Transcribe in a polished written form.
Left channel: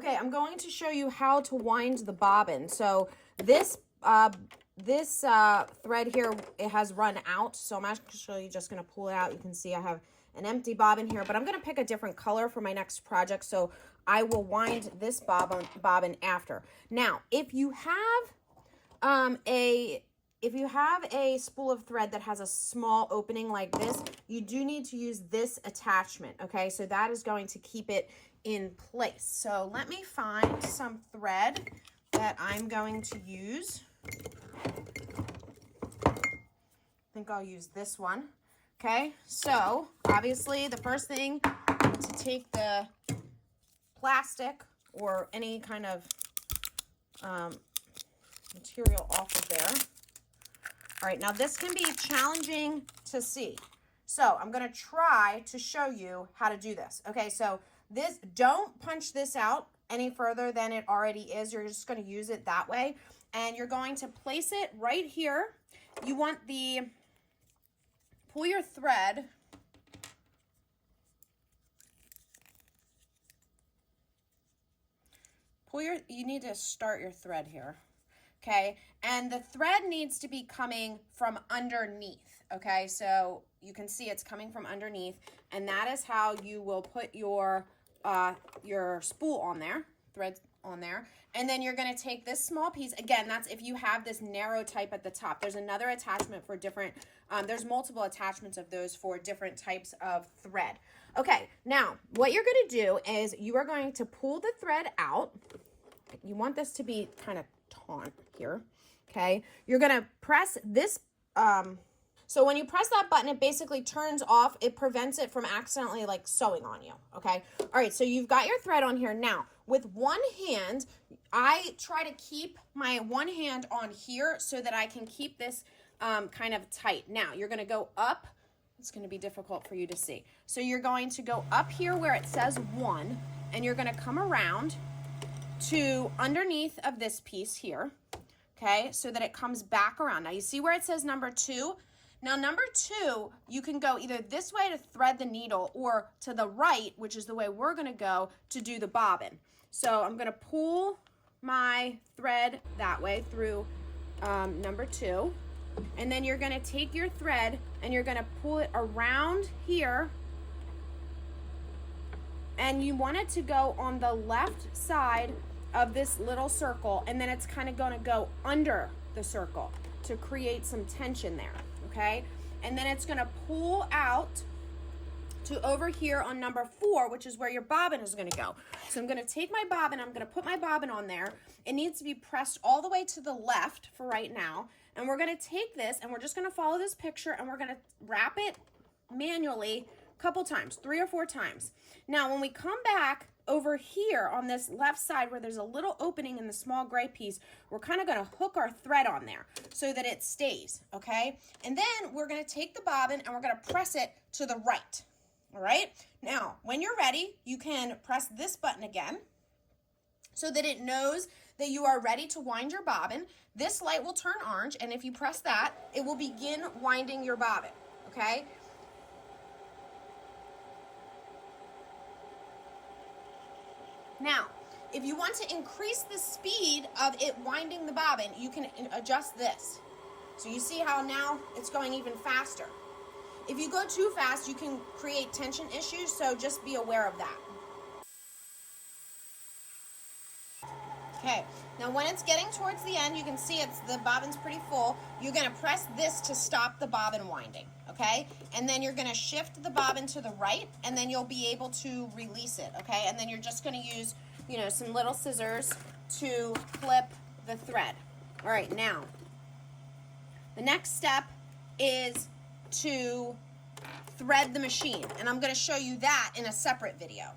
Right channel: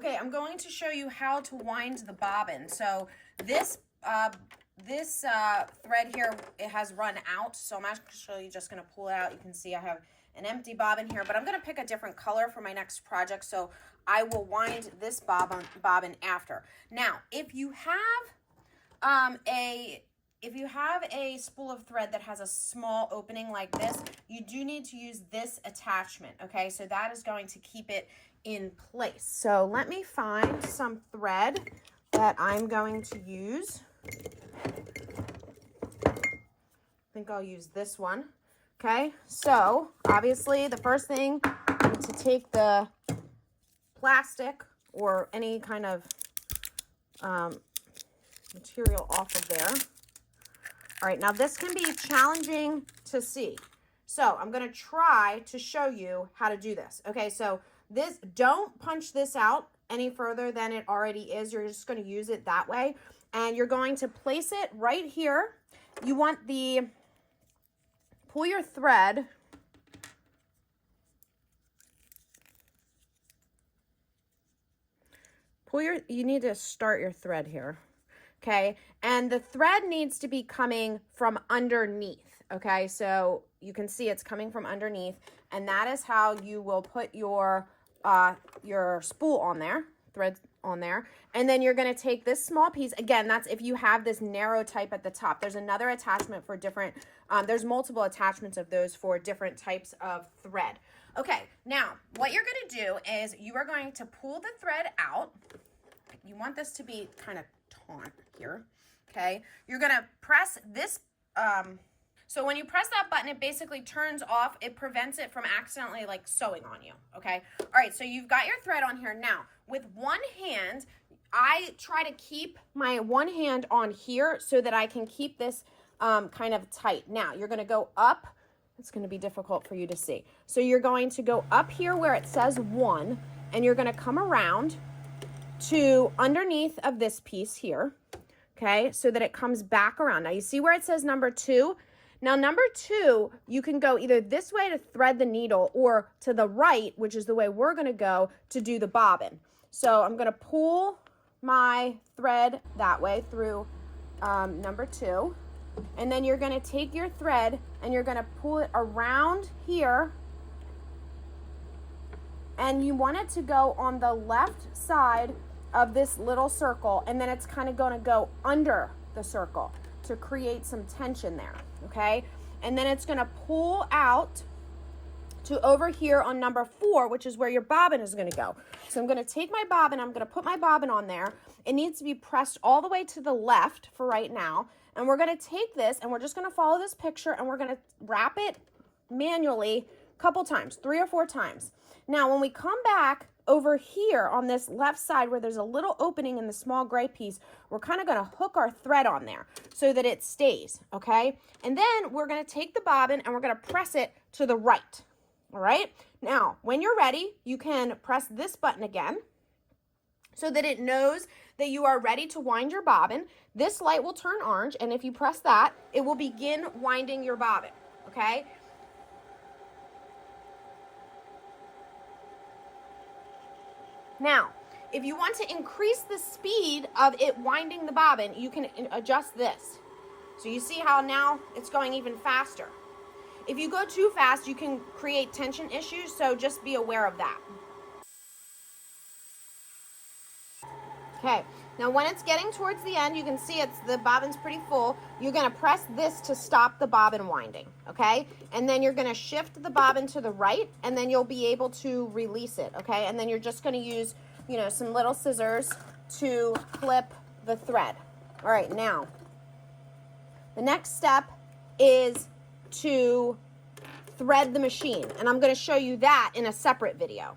Okay, I'm going to show you how to wind the bobbin. So this thread here, it has run out. So I'm actually just going to pull it out. You can see I have an empty bobbin here, but I'm going to pick a different color for my next project. So I will wind this bobbin after. Now, if you have a spool of thread that has a small opening like this, you do need to use this attachment, okay? So that is going to keep it in place. So let me find some thread that I'm going to use. I think I'll use this one, okay? So obviously the first thing is to take the plastic or any kind of material off of there. All right, now this can be challenging to see. So I'm gonna try to show you how to do this. Okay, so don't punch this out any further than it already is. You're just gonna use it that way. And you're going to place it right here. You want pull your thread. You need to start your thread here. Okay, and the thread needs to be coming from underneath, okay? So you can see it's coming from underneath, and that is how you will put your spool on there, thread on there. And then you're gonna take this small piece, again, that's if you have this narrow type at the top. There's another attachment for different, there's multiple attachments of those for different types of thread. Okay, now what you're gonna do is you are going to pull the thread out. You want this to be kind of taut here, okay? You're gonna press this, so when you press that button, it basically turns off. It prevents it from accidentally like sewing on you, okay? All right, so you've got your thread on here. Now, with one hand, I try to keep my one hand on here so that I can keep this kind of tight. Now, you're gonna go up. It's gonna be difficult for you to see. So you're going to go up here where it says 1, and you're gonna come around to underneath of this piece here, okay, so that it comes back around. Now you see where it says number 2? Now number 2, you can go either this way to thread the needle or to the right, which is the way we're gonna go to do the bobbin. So I'm gonna pull my thread that way through number 2, and then you're gonna take your thread and you're gonna pull it around here, and you want it to go on the left side of this little circle, and then it's kind of going to go under the circle to create some tension there, okay? And then it's going to pull out to over here on number 4, which is where your bobbin is going to go. So I'm going to take my bobbin, I'm going to put my bobbin on there. It needs to be pressed all the way to the left for right now, and we're going to take this and we're just going to follow this picture, and we're going to wrap it manually a couple times, 3 or 4 times. Now when we come back over here on this left side where there's a little opening in the small gray piece, we're kind of going to hook our thread on there so that it stays, okay? And then we're going to take the bobbin and we're going to press it to the right, all right? Now, when you're ready, you can press this button again so that it knows that you are ready to wind your bobbin. This light will turn orange, and if you press that, it will begin winding your bobbin, okay? Now, if you want to increase the speed of it winding the bobbin, you can adjust this. So you see how now it's going even faster. If you go too fast, you can create tension issues, so just be aware of that. Okay, now when it's getting towards the end, you can see the bobbin's pretty full. You're gonna press this to stop the bobbin winding, okay? And then you're gonna shift the bobbin to the right, and then you'll be able to release it, okay? And then you're just gonna use, you know, some little scissors to clip the thread. All right, now, the next step is to thread the machine, and I'm gonna show you that in a separate video.